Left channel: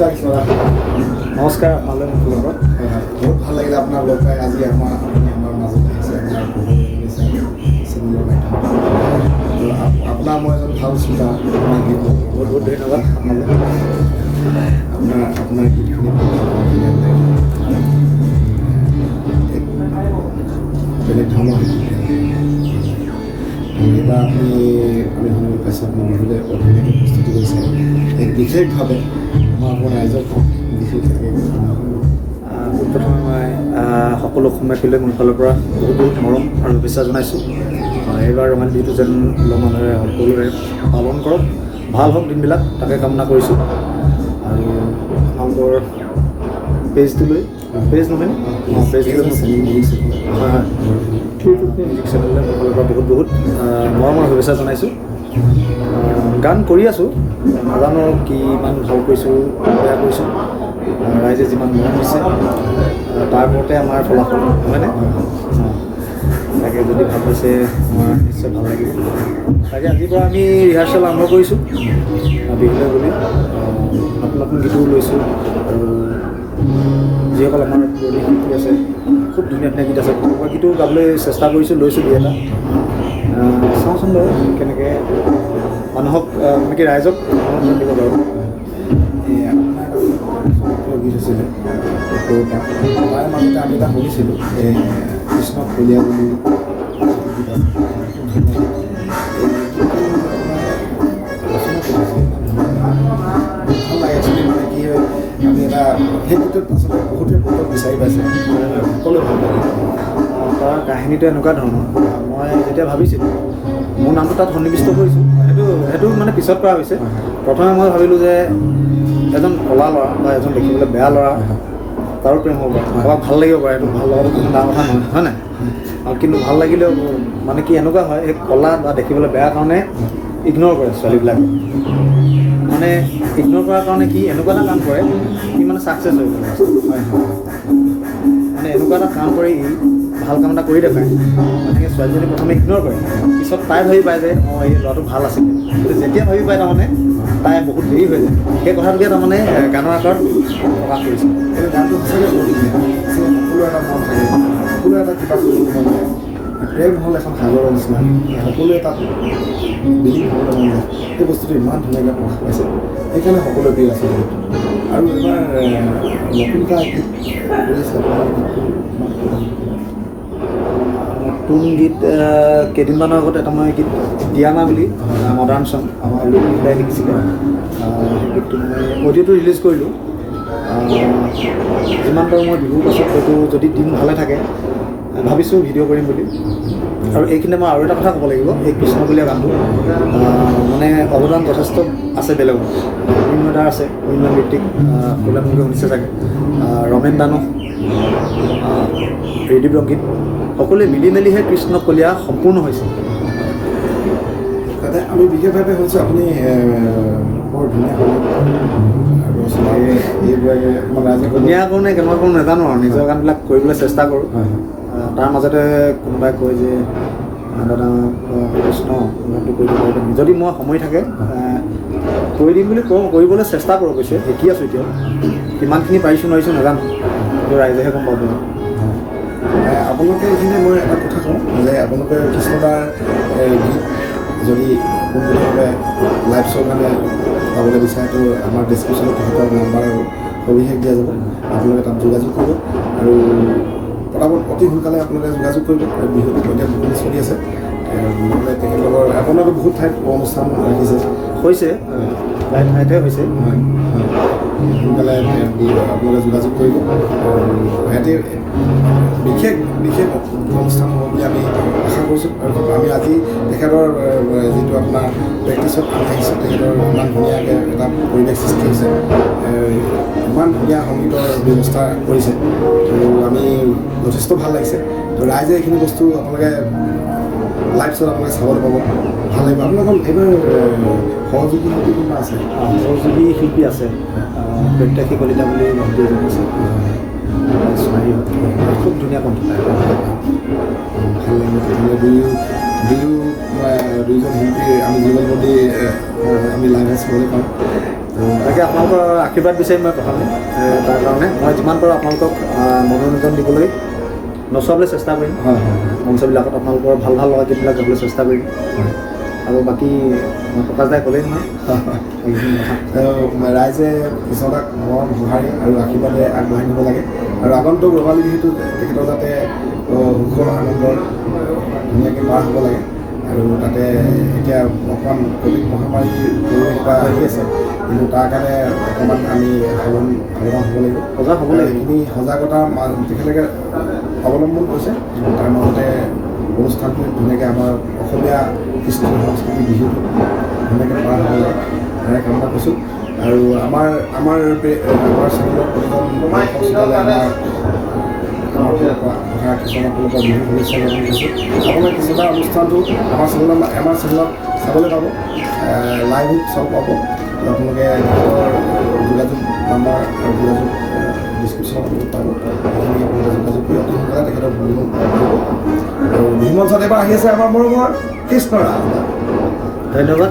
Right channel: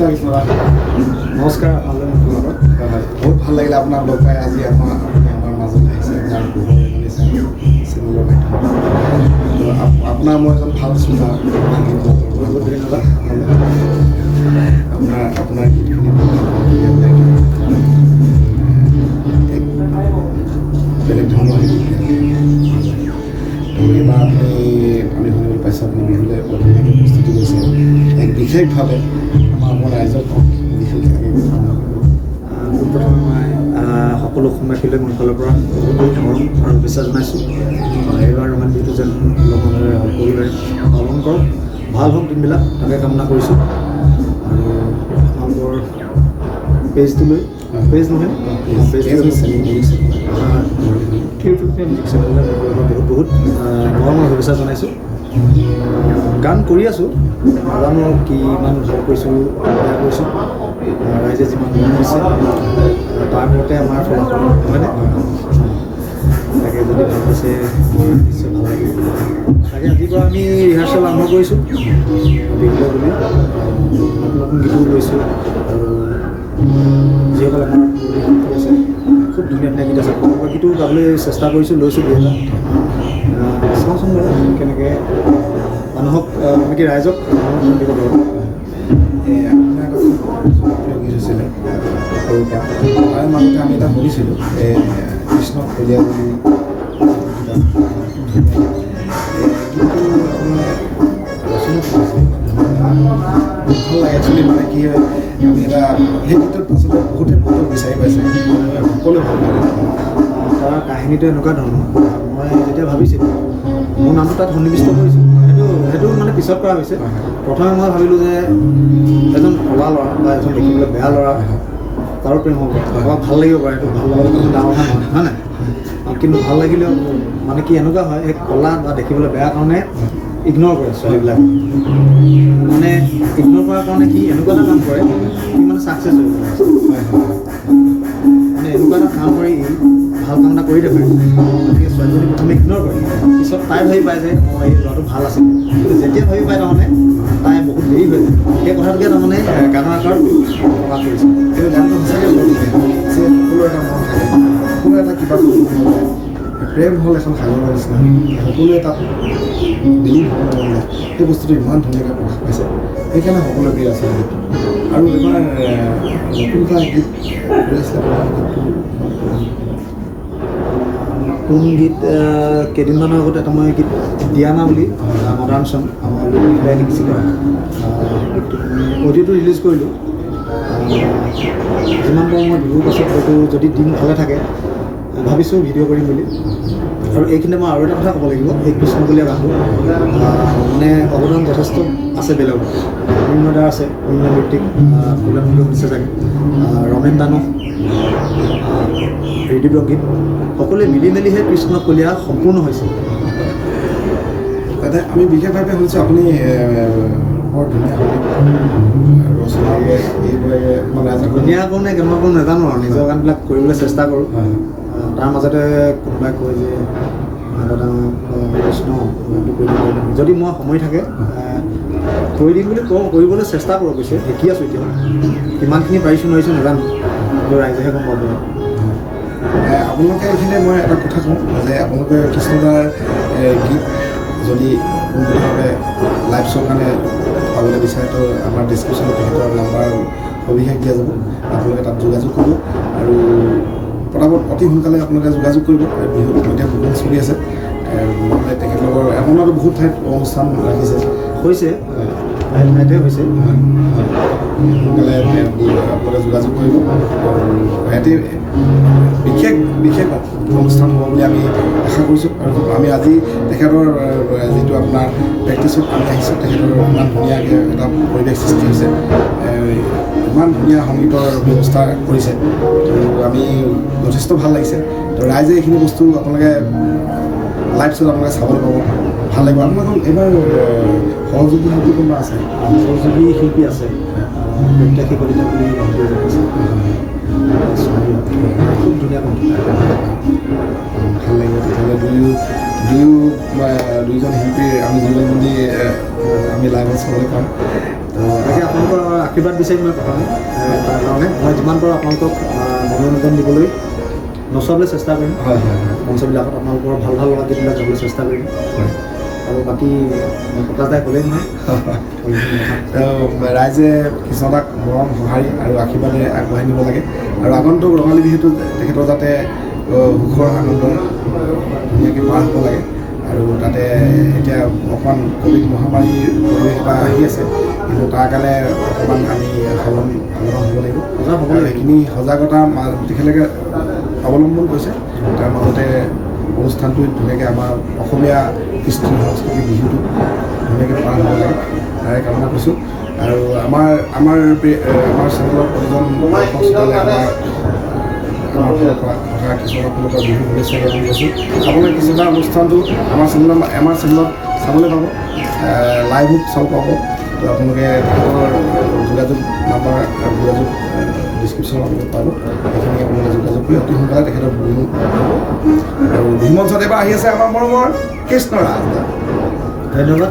নমস্কাৰ কৃষ্ণদা। নমস্কাৰ, আপোনালৈ হয় হয়, বহুত ভাল লাগিলে আপোনাক লগ পাই। আজি আপুনি আমাৰ মাজলৈ আহিছে, আমাৰ পোহৰ এজনী চেনেলৰ মাধ্যমত। তো আপোনাৰ মই এজন ভাল শ্ৰোতা, আপোনাৰ গীত মই বৰ ভাল বহুত পাওঁ। ধন্যবাদ আপোনালৈ। আপোনাৰ গীত শুনি বৰ ভাল পাওঁ, ধুনীয়া ধুনীয়া গীত। আপোনাৰ এক বেলেগ ধৰণৰ হয় গীত গায়, ভাল লাগে। তো এইবাৰ আমি শুনিবলৈ পাইছোঁ আপুনি বিহুলৈ বৰ ধুনীয়াকৈ প্ৰস্তুতি কৰিছে এক বিশেষভাৱে। আমাৰ অকণমান ৰাইজক কওক বিহু কেনেকৈ আৰম্ভ কৰিব। পোনপ্ৰথমে মই সকলো অসমীয়া খুলিলে মোৰ ফালৰ পৰা বহুত বহুত মৰম আৰু শুভেচ্ছা জনাইছোঁ। এইবাৰ ৰঙালী বিহুটো যেন মানুহে সকলোৰে পালন কৰক, ভাল হওক দিনবিলাক, তাকে কামনা কৰিছোঁ। আৰু আপোনালোকৰ পেজটোলৈ পেজ নহয়নে? হয় হয়, ইউটিউব চেনেললৈ মোৰ ফালৰ পৰা বহুত বহুত মৰম আৰু শুভেচ্ছা জনাইছোঁ। গান কৰি আছোঁ, নাজানো কি ইমান ভাল কৰিছোঁ বেয়া কৰিছোঁ। ৰাইজে যিমান মৰম দিছে তাৰ ওপৰতে আমাৰ ফলাফল নহয়নে? হয় হয়। তাকে যদি ভাল পাইছে আমাৰ নিশ্চয় ভাল লাগিব। তাকে আজিৰ পৰা আমি ৰিহাৰ্চেল আৰম্ভ কৰিছোঁ বিহুলৈ বুলি। নতুন নতুন গীতো লৈছোঁ আৰু যিসকল আমাৰ পুৰণি শিল্পী আছে খুব ধুনীয়া ধুনীয়া গীত আছে, কোনোবা গীতো গাবলৈ চেষ্টা কৰিছোঁ, লৈছোঁ দুই এটা। চাওঁচোন বাৰু কেনেকৈ মানুহক মানে কি ৰাইজক মনোৰঞ্জন দিব পাৰোঁ। আপোনাৰ এটা খুব জনপ্ৰিয় গীত হৈছিলে সৰুৰ পৰা, তাৰে মাজতে আমি এটা শুনিছিলোঁ কৃষ্ণক কলীয়া বুলি এটা গীত আছে, খুব ধুনীয়া গীত। এই গীতটো আপোনাৰ ৰচনা কৰিছিলে, ইমান ধুনীয়া লাগে, ভাল লাগে। একচুৱেলি মানে কি হয়, আমি এটা সেই গীতত আচলতে বহুতে বহুতক বিচাৰি পাইছে, সকলোৱে ভাল লাগে। তাৰ কাহিনীটো এনেকুৱা ধৰণৰ, মই যেতিয়া ভাবিছিলোঁ মোৰ নামটো তাত সন্নিৱিষ্ট কৰিছোঁ, সেইটো মানে পিছত কৰা হৈছে। প্ৰথমে মই ভাবিলোঁ যে এজন কলা ল'ৰা বা এজন দেখিবলৈ বেয়া ল'ৰা তাৰো প্ৰেম হ'ব পাৰে, কাৰোবাক ভাল লাগিব পাৰে, এইটো ভাল লগাটো কোনো ডাঙৰ কথা নহয়, হয় নাই? কিন্তু ভাল লাগিলেও মানে কি এনেকুৱা হয়, সেই কলা বা দেখিবলৈ বেয়া কাৰণে ইগন'ৰ কৰে ছোৱালীবিলাকে। মানে ইগন'ৰ কৰাৰ কাৰণে সি এনেকুৱা এটা কাম কৰে, সি মানে ছাকচেছ হৈ যায়। হয় হয়, মানে এনেকুৱা এটা কাম কৰে, ই ভাল কাম এটা কৰি দেখায়। মানে সেই ছোৱালীজনী প্ৰথমে ইগন'ৰ কৰে, পিছত তাই ভাবি পায় যে অঁ এই ল'ৰাটো ভাল আছিল। কিন্তু যেতিয়া ভাবি পায় তাৰমানে তাই বহুত দেৰি হৈ যায়। সেই কথাটোকে তাৰমানে গানৰ আকাৰত প্ৰকাশ কৰিছে। কিন্তু গানটো সঁচাকৈ বৰ ধুনীয়া, যে সকলোৰে এটা মন থাকে, সকলোৰে এটা কিবা কৰিবলৈ মন যায়। প্ৰেম হ'ল এখন সাগৰৰ নিচিনা, সকলোৱে তাত বিলীন হ'বলৈ মন যায়। সেই বস্তুটো ইমান ধুনীয়াকৈ প্ৰকাশ পাইছে, সেইকাৰণে সকলোৰে প্ৰিয় আছিলে গীতটো। আৰু এবাৰ নতুন এটা গীত কৰি আছিলে আপুনি, গীতটো অকণমান ক'ব নেকি কিবা? নতুন গীত কেইদিনমানৰ আগত এটা মই গীত দিয়ানা বুলি মডাৰ্ণ চং আমাৰ মিলাই লিখিছিলোঁ। সেই গীতটো মই অডিঅ'টো ৰিলিজ কৰিলোঁ। যিমান পাৰোঁ মই বিহুৰ পাছত হয়তো যদি দিন ভালে থাকে ভাবিছোঁ ভিডিঅ' কৰিম বুলি। আৰু এইখিনিতে মই আৰু এটা কথা ক'ব লাগিব, এই কৃষ্ণকলীয়া গানটো মানে অৱদান যথেষ্ট আছে বেলেগৰ। মৃন্ময় আছে, মৃন্ময় ঋত্বিক, আপোনালোকে শুনিছে চাগে, ৰমেন দানৱ, ত্ৰিদীপ ৰঞ্জিত, সকলোৱে মিলি মেলিহে কৃষ্ণকলীয়া সম্পূৰ্ণ হৈছে। তাতে আমি বিশেষভাৱে শুনিছোঁ আপুনি বৰ ধুনীয়া সংগীত ৰচনাও কৰে, এইবোৰে অকণমান ৰাইজক ধুনীয়া কৰোঁ নে কেনেকুৱা কৰোঁ নাজানো আৰু নিজৰ গানবিলাক কৰিবলৈ চেষ্টা কৰোঁ। হয় হয়, তাৰ মাজতে কোনোবাই কয় যে দাদা বা কৃষ্ণ গানটো কৰি দিব পাৰিব, যদি মই সময় থাকে কৰি দিম বুলি কওঁ, কৰিবলৈ চেষ্টা কৰোঁ। গৈছোঁ শিকি আছোঁ এতিয়াও, কিমানখিনি পাৰিছোঁ নোৱাৰিছোঁ নাজানো, কিন্তু ৰাইজেহে গম পাব। হয়, আপোনালোকে এইখিনিতে মই এটা কথা কওঁ যে আপোনালোকে কৃষ্ণদাৰ গীত যদি পোনপটীয়াভাৱে লাইভ শ্বৰ কাৰণে পাবলৈ বিচাৰে তো আমাৰ ডেছক্ৰিপশ্যনত তেখেতৰ নাম্বাৰ আৰু সবিশেষ দিয়া যাব, আপোনালোকে তাত যোগাযোগ কৰিব। আৰু পটাপট অতি সোনকালে আপোনালোকে যোগাযোগ কৰিব। আৰু বিহু এতিয়া বুকিং চলি আছে, নহ'লে তেখেতলোকৰ আপোনালোকে বহুত ঠাইত অনুষ্ঠান ৰাখিছে, হৈছে প্ৰায় ঠাইতে হৈছে। হয় হয়, সোনকালে আপোনালোকে যোগাযোগ কৰিব। আৰু সিহঁতে বিশেষ বিশেষ অনুষ্ঠান হ'ব বুলি আমি আশা কৰিছোঁ। আৰু খুব আমি আজি তেখেতৰ যিটো আপোনাৰ প্ৰেক্টিছত আমি আহিছোঁ, তেখেতৰ ইমান ধুনীয়াকৈ এটা পৰিৱেশ সৃষ্টি হৈছে, ইমান ধুনীয়া সংগীতৰ ব্যৱস্থা কৰিছে, তো আমি যথেষ্ট ভাল লাগিছে। তো ৰাইজে এইখিনি বস্তু আপোনালোকে লাইভ শ্ব'ত আপোনালোকে চাবলৈ পাব, ভাল লাগিব। আপোনালোকৰ এইবাৰ সহযোগী শিল্পী কোনোবা আছে? সহযোগী শিল্পী আছে, প্ৰত্যেকী কলিতা বুলি ভণ্টি এজনী আছে। হয় হয়, ছোৱালী হয়, খুব ধুনীয়া কণ্ঠ তাই। ভাল লাগিব তেতিয়াহ'লে। দুয়োজন শিল্পী আমি যুগলবন্দী আমি লাইভত চাবলৈ পাওঁ। তো তাকে আপোনালোকৰ আশীৰ্বাদ বিচাৰিম মই প্ৰথমে তাৰ কাৰণে মই যিমান পাৰোঁ আপোনালোকক মনোৰঞ্জন দিবলৈ নচোৱাবলৈ চেষ্টা কৰিম। হয় হয় হয় মঞ্চবিলাকত আপোনালোকৰ ভাল ভাল লগা গীতবিলাক গাবলৈ চেষ্টা কৰিম। হয় আৰু বাকী প্ৰকাশ দাই ক'লেই নহয়। তো ৰাইজে কৃষ্ণদাক মৰম সঁহাৰি আৰু আশীৰ্বাদে আগবঢ়াই নিব লাগে আৰু আগন্তুক ৰঙালী বিহুটো তেখেতৰ যাতে সুখৰ আনন্দৰ ধুনীয়াকৈ পাৰ হ'ব লাগে। আৰু তাতে এতিয়া অকণমান ক'ভিড মহামাৰীৰ পৰিৱেশ এটা আহি আছে, কিন্তু তাৰ কাৰণে অকণমান আমি সাৱধান হ'ব লাগিব। সজাগ হ'ব আৰু লাগিব। সেইখিনি সজাগতা তেখেতলোকে অৱলম্বন কৰিছে। তাৰ মাজতে অনুষ্ঠানটো ধুনীয়াকৈ আমাৰ অসমীয়া কৃষ্টি সংস্কৃতিৰ বিহুটো ধুনীয়াকৈ পাৰ হ'ব লাগে, তাৰে কামনা কৰিছোঁ। আৰু আমাৰ চেনেলৰ প্ৰতিজন দৰ্শক শ্ৰোতালে আমাৰ ফালৰ পৰা তথা কৃষ্ণদাৰ ফালৰ পৰা বিহু শুভেচ্ছা জ্ঞাপন কৰিছোঁ। আপোনালোকে কৃষ্ণদাৰ অনুষ্ঠানটো আমাৰ চেনেলত চাবলৈ পাব, লাইভো চাব পাব। তো আপোনালোকে তেখেতৰ যোগাযোগ নাম্বাৰ আৰু যোগাযোগ ডিছক্ৰিপশ্যনত আপোনালোকে পাব, সেইখিনি আপোনালোকে যোগাযোগ কৰি অতি সোনকালে তেখেতক বুকিং কৰিব। আৰু বিহু মঞ্চত এবাৰ আহি আছে আমাৰ মৰমৰ কৃষ্ণ ৰাজ দা। ধন্যবাদ।